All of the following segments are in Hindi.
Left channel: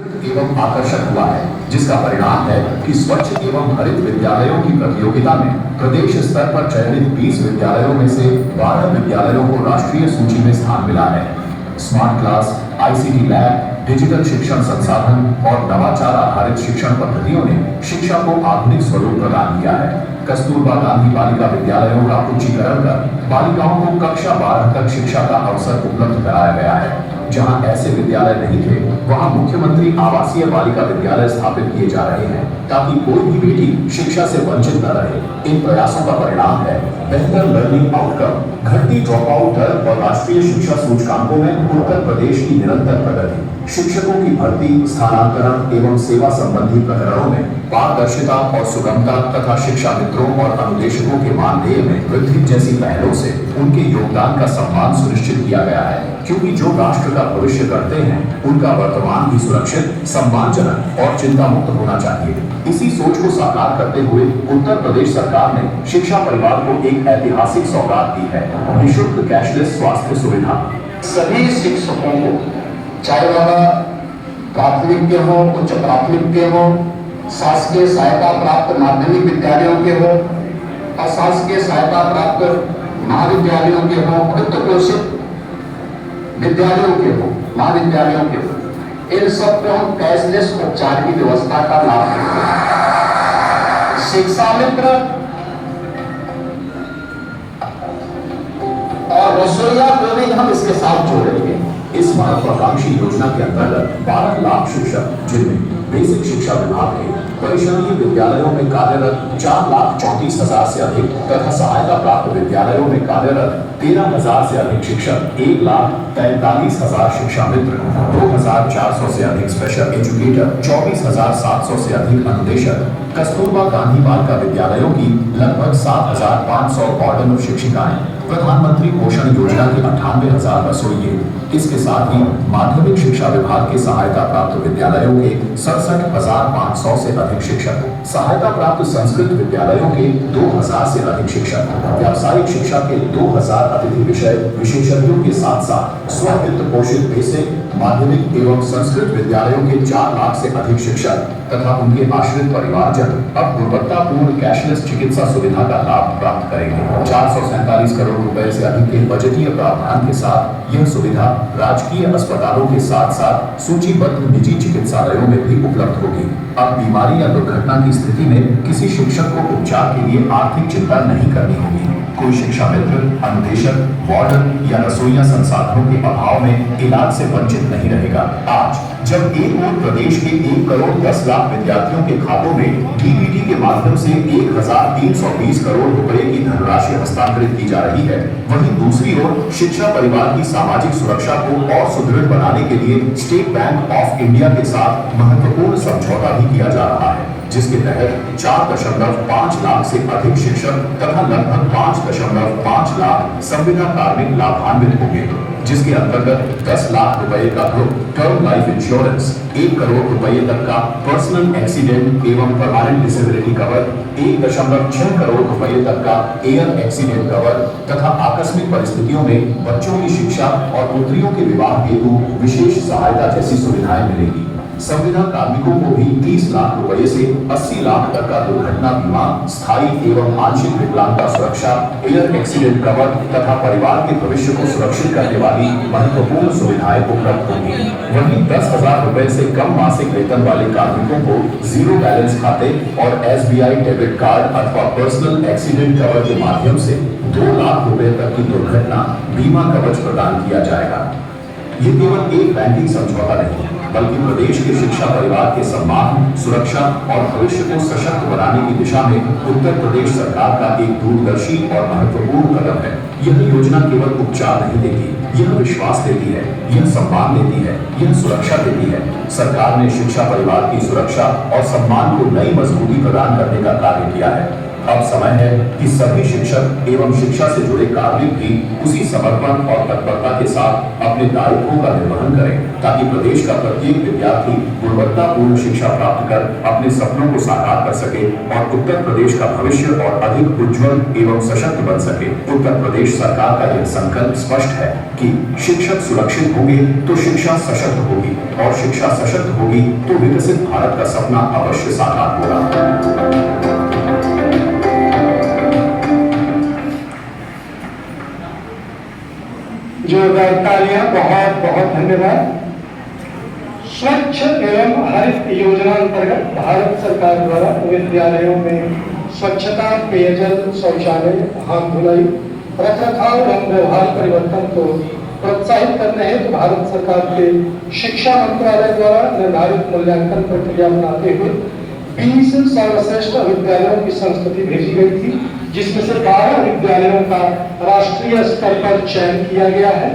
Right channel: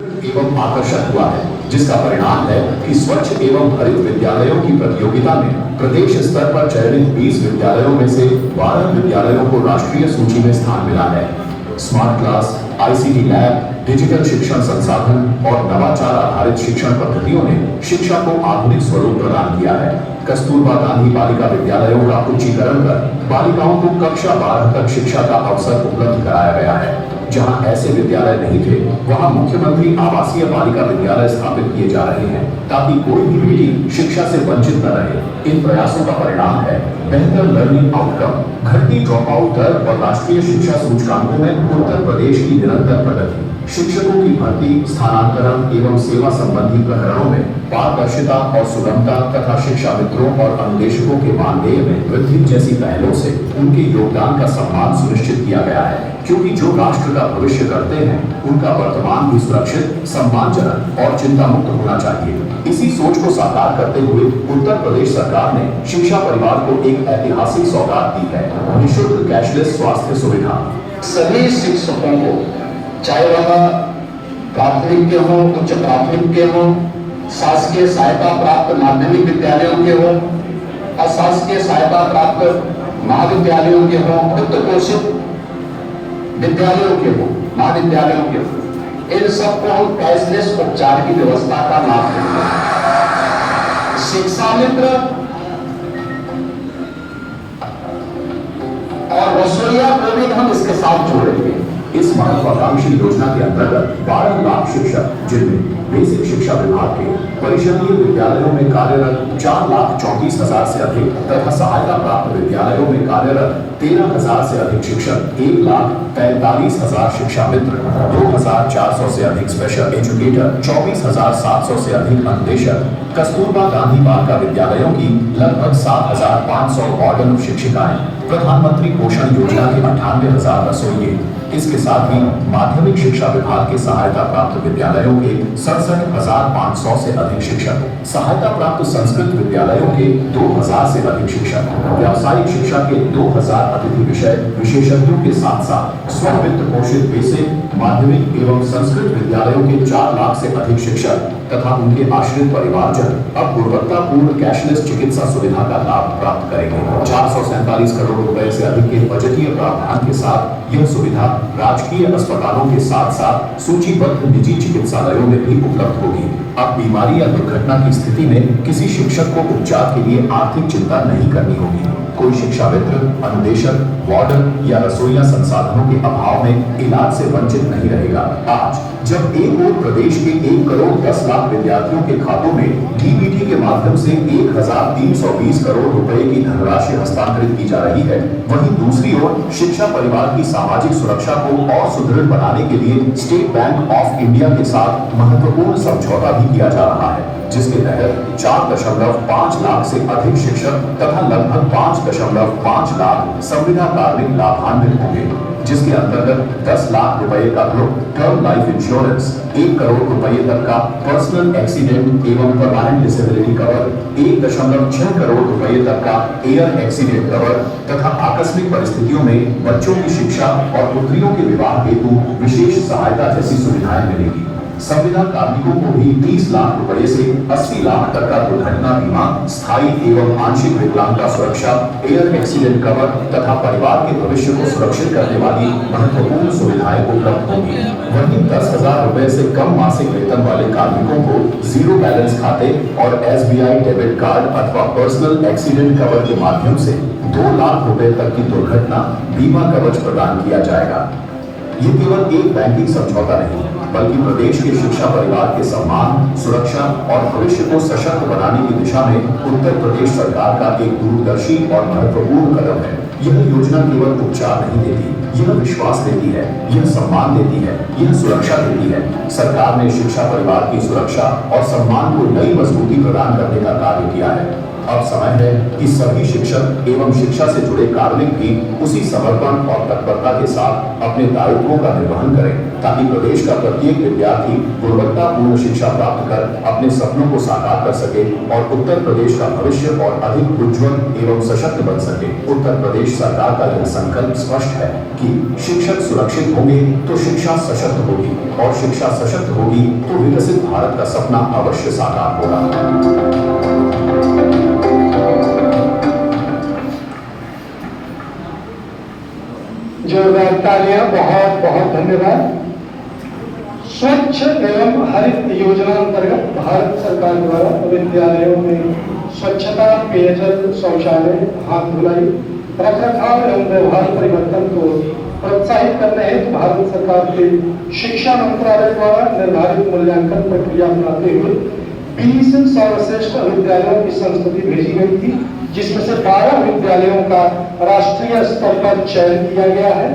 एवं आकर्षक हुआ है, जिसका परिणाम है कि स्वच्छ एवं हरित विद्यालयों की प्रतियोगिता में प्रदेश स्तर पर चयनित 20 विद्यालयों में से 12 विद्यालयों को राष्ट्रीय सूची में स्थान मिला है। Smart class, ICT lab, digital शिक्षण संसाधन और नवाचार आधारित शिक्षण पद्धतियों ने शिक्षा को आधुनिक स्वरूप प्रदान किया है। कस्तूरबा गांधी बालिका विद्यालयों का उच्चीकरण कर बालिकाओं को कक्षा 12 तक शिक्षा का अवसर उपलब्ध कराया गया है। जहां ऐसे विद्यालय नहीं थे, वहां मुख्यमंत्री आवासीय बालिका विद्यालय स्थापित किए जा रहे हैं, ताकि कोई भी बेटी शिक्षा से वंचित न रहे। इन प्रयासों का परिणाम है बेहतर लर्निंग आउटकम, घटती ड्रॉप आउट दर और राष्ट्रीय शिक्षा सूचकांकों में उत्तर प्रदेश की निरंतर प्रगति। शिक्षकों की भर्ती, स्थानांतरण एवं सेवा संबंधी प्रकरणों में पारदर्शिता और सुगमता तथा शिक्षा मित्रों और अनुदेशकों के मानदेय में वृद्धि जैसी पहलों से उनके योगदान का सम्मान सुनिश्चित किया गया है, क्योंकि जो राष्ट्र का भविष्य करते हैं उनका वर्तमान भी सुरक्षित, सम्मानजनक और चिंता मुक्त होना चाहिए। इसी सोच को साकार करते हुए उत्तर प्रदेश सरकार ने शिक्षा परिवार को एक ऐतिहासिक सौगात दी है, निःशुल्क कैशलेस स्वास्थ्य सुविधा। सभी शिक्षकों को, चाहे वह प्राथमिक के हो, उच्च प्राथमिक के हो, शासकीय सहायता प्राप्त माध्यमिक विद्यालयों के हो, अशासकीय सहायता प्राप्त महाविद्यालयों के हो, वित्त पोषित विद्यालयों के हो, महाविद्यालयों के हो, इन सबको हम कैशलेस उपचार की व्यवस्था का लाभ देते हैं। शिक्षा मित्र और रसोइया को भी हम इसके साथ जोड़ेंगे। इस महत्वाकांक्षी योजना के अंतर्गत 12 लाख शिक्षक, जिनमें बेसिक शिक्षा विभाग के परिषदीय विद्यालयों में कार्यरत 4,34,000 से अधिक तथा सहायता प्राप्त विद्यालयों में कार्यरत 13,000 से अधिक शिक्षक, 1,43,000 शिक्षा मित्र, 2,400 से अधिक स्पेशल एजुकेटर, 24,700 से अधिक अनुदेशक, कस्तूरबा गांधी बालिका विद्यालयों की लगभग 7,500 वार्डन शिक्षिकाएं, प्रधानमंत्री पोषण योजना के 98,000 रसोइये, इसके साथ ही माध्यमिक शिक्षा विभाग के सहायता प्राप्त विद्यालयों के 67,500 से अधिक शिक्षक, सहायता प्राप्त संस्कृत विद्यालयों के 2,000 से अधिक शिक्षक, व्यावसायिक शिक्षा के 2,000 अतिथि विषय विशेषज्ञों के साथ साथ स्ववित्त पोषित बेसिक, माध्यमिक एवं संस्कृत विद्यालयों के 4 लाख से अधिक शिक्षक तथा उनके आश्रित परिवारजन अब गुणवत्तापूर्ण कैशलेस चिकित्सा सुविधा का लाभ प्राप्त करेंगे। 447 करोड़ रुपए से अधिक के बजटीय प्रावधान के साथ यह सुविधा राजकीय अस्पतालों के साथ साथ सूचीबद्ध निजी चिकित्सालयों में भी उपलब्ध होगी। अब बीमारी या दुर्घटना की स्थिति में किसी शिक्षक को उपचार के लिए आर्थिक चिंता नहीं करनी होगी। कोई शिक्षा मित्र, अनुदेशक, वार्डन या रसोइया संसाधनों के अभाव में इलाज से वंचित नहीं रहेगा। आज जब एक ओर प्रदेश के 1 करोड़ 10 लाख विद्यार्थियों के खातों में डीबीटी के माध्यम से 1,320 करोड़ रुपए की धनराशि हस्तांतरित की जा रही है, वहीं दूसरी ओर शिक्षा परिवार की सामाजिक सुरक्षा को और सुदृढ़ बनाने के लिए स्टेट बैंक ऑफ इंडिया के साथ महत्वपूर्ण समझौता भी किया जा रहा है, जिसके तहत 4.5 लाख से अधिक शिक्षक तथा लगभग 5.5 लाख संविदा कार्मिक लाभान्वित होंगे, जिसके अंतर्गत 10 लाख रुपए का टर्म लाइफ इंश्योरेंस, 1 करोड़ रुपए तक का पर्सनल एक्सीडेंट एवं परमानेंट डिसेबिलिटी कवर, 1.6 करोड़ रुपए तक का एयर एक्सीडेंट कवर तथा आकस्मिक परिस्थितियों में बच्चों की शिक्षा और पुत्रियों के विवाह हेतु विशेष सहायता जैसी सुविधाएं मिलेगी। संविदा कार्मिकों को भी 30 लाख रुपए से 80 लाख तक का दुर्घटना बीमा, स्थायी एवं आंशिक विकलांगता सुरक्षा, एयर एक्सीडेंट कवर तथा परिवार के भविष्य को सुरक्षित करने वाली महत्वपूर्ण सुविधाएं उपलब्ध होंगी। वहीं 10,000 रुपए से कम मासिक वेतन वाले कार्मिकों को जीरो बैलेंस खाते और SBI डेबिट कार्ड अथवा पर्सनल एक्सीडेंट कवर के माध्यम से 2 लाख रुपए तक की दुर्घटना बीमा कवच प्रदान किया जाएगा। ये केवल एक बैंकिंग समझौता नहीं है, बल्कि प्रदेश के शिक्षा परिवार के सम्मान, सुरक्षा और भविष्य को सशक्त बनाने की दिशा में उत्तर प्रदेश सरकार का एक दूरदर्शी और महत्वपूर्ण कदम है। यह योजना केवल उपचार नहीं देती, यह विश्वास देती है, यह सम्मान देती है, यह सुरक्षा देती है। सरकार ने शिक्षा परिवार की सुरक्षा और सम्मान को नई मजबूती प्रदान करने का कार्य किया है। अब समय है कि सभी शिक्षक एवं शिक्षा से जुड़े कार्मिक भी उसी समर्पण और तत्परता के साथ अपने दायित्वों का निर्वहन करें, ताकि प्रदेश का प्रत्येक विद्यार्थी गुणवत्तापूर्ण शिक्षा प्राप्त कर अपने सपनों को साकार कर सके और उत्तर प्रदेश का भविष्य और अधिक उज्जवल एवं सशक्त बन सके। उत्तर प्रदेश सरकार का यह संकल्प स्पष्ट है कि शिक्षक सुरक्षित होंगे तो शिक्षा सशक्त होगी, और शिक्षा सशक्त होगी तो विकसित भारत का सपना अवश्य साकार होगा। जोरदार तालियां, बहुत बहुत धन्यवाद। स्वच्छ एवं हरित योजना अंतर्गत भारत सरकार द्वारा विद्यालयों में स्वच्छता, पेयजल, शौचालय, हाथ धुलाई, रखरखाव एवं व्यवहार परिवर्तन को प्रोत्साहित करने हेतु भारत सरकार के शिक्षा मंत्रालय द्वारा निर्धारित मूल्यांकन प्रक्रिया अपनाते हुए 20 सर्वश्रेष्ठ विद्यालयों की संस्तुति भेजी गई थी, जिसमें से 12 विद्यालयों का राष्ट्रीय स्तर पर चयन किया गया है।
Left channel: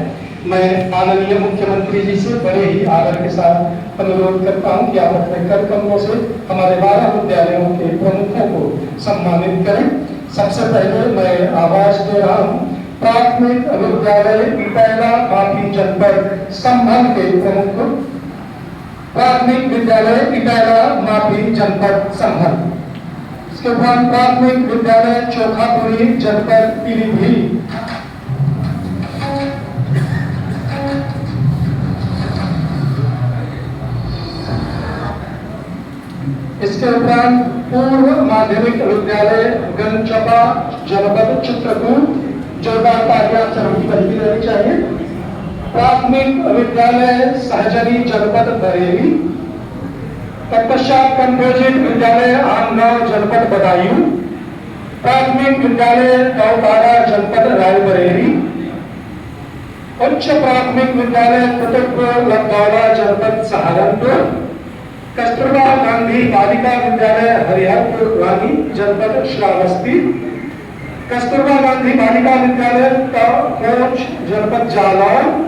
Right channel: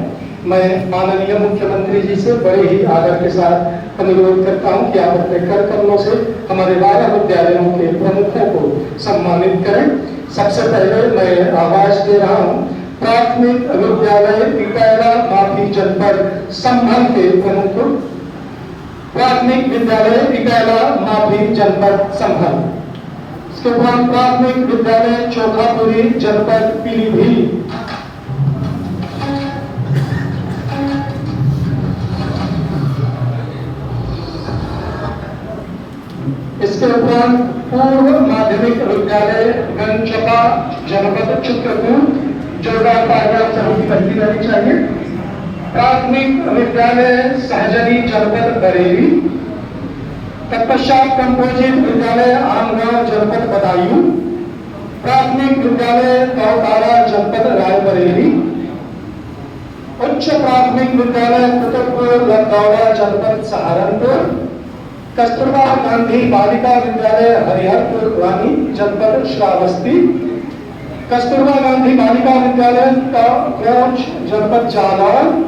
मैं माननीय मुख्यमंत्री जी से बड़े ही आदर के साथ अनुरोध करता हूं कि आप अपने कर कमलों से हमारे 12 विद्यालयों के प्रमुखों को सम्मानित करें। सबसे पहले मैं आवाज दे रहा हूं प्राथमिक विद्यालय पिपैला माफी जनपद संभल के प्रमुख, प्राथमिक विद्यालय पिपैला माफी जनपद संभल। इसके उपरांत प्राथमिक विद्यालय चोखापुरी जनपद पीलीभीत। इसके उपरांत पूर्व माध्यमिक विद्यालय गंजपा जनपद चित्रकूट। जोरदार तालियां सभी की रहनी चाहिए। प्राथमिक विद्यालय सहजनी जनपद बरेली। तत्पश्चात कंपोजिट विद्यालय आमगांव जनपद बदायूं। प्राथमिक विद्यालय गौतारा जनपद रायबरेली। उच्च प्राथमिक विद्यालय कुतुबपुर लखनऊ जनपद सहारनपुर। कस्तूरबा गांधी बालिका विद्यालय हरिहरपुर रानी जनपद श्रावस्ती। कस्तूरबा गांधी बालिका विद्यालय कोच जनपद जालौर।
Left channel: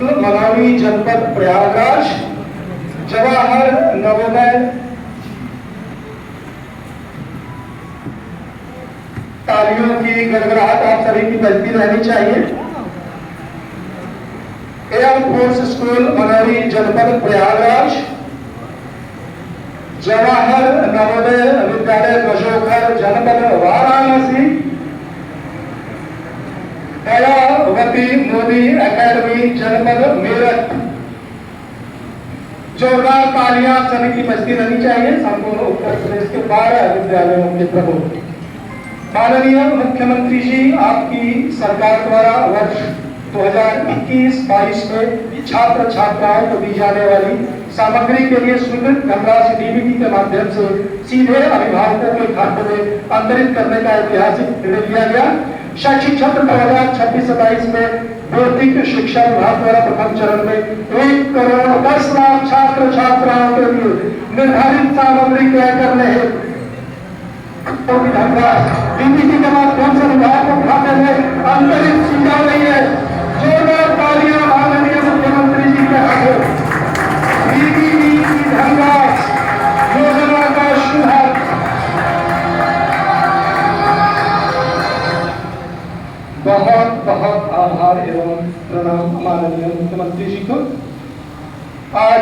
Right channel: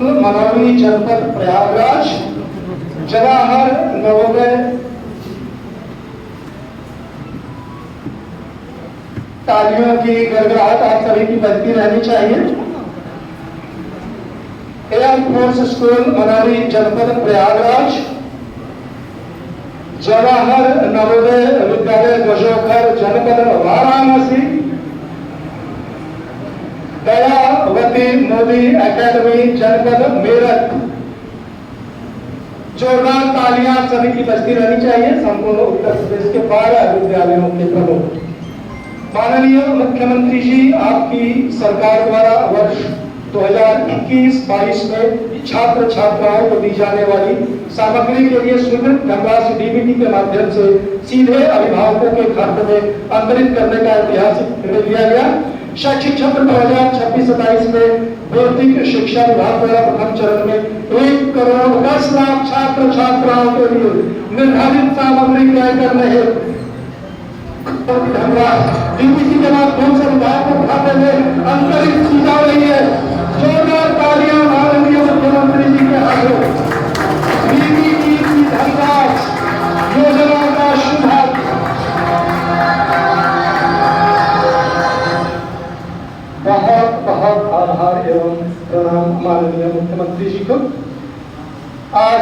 मनाली जनपद प्रयागराज। जवाहर नवोदय तालियों की गड़गड़ाहट आप सभी की बजती रहनी चाहिए। एयरफोर्स स्कूल मनाली जनपद प्रयागराज। जवाहर नवोदय विद्यालय गजोखर जनपद वाराणसी। दयावती मोदी एकेडमी जनपद मेरठ। जोरदार तालियां सभी की बजती रहनी चाहिए। संपूर्ण उत्तर प्रदेश के 12 विद्यालयों के प्रमुख। माननीय मुख्यमंत्री जी, आपकी सरकार द्वारा वर्ष 2021-22 में छात्र छात्राओं को दी जाने वाली सामग्री के लिए स्वीकृत धनराशि डीबीटी के माध्यम से सीधे अभिभावकों के खाते में अंतरित करने का ऐतिहासिक निर्णय लिया गया। शैक्षिक सत्र 2026-27 में भौतिक शिक्षा विभाग द्वारा प्रथम चरण में 1 करोड़ 10 लाख छात्र छात्राओं के लिए निर्धारित सामग्री क्रय करने हेतु धनराशि डीबीटी के माध्यम से विभागों के खाते में अंतरित की जा रही है। जोरदार तालियां माननीय मुख्यमंत्री जी के हाथों। डीबीटी की धनराशि योजना का शुभारंभ। बहुत बहुत आभार एवं प्रणाम माननीय मुख्यमंत्री जी को। आज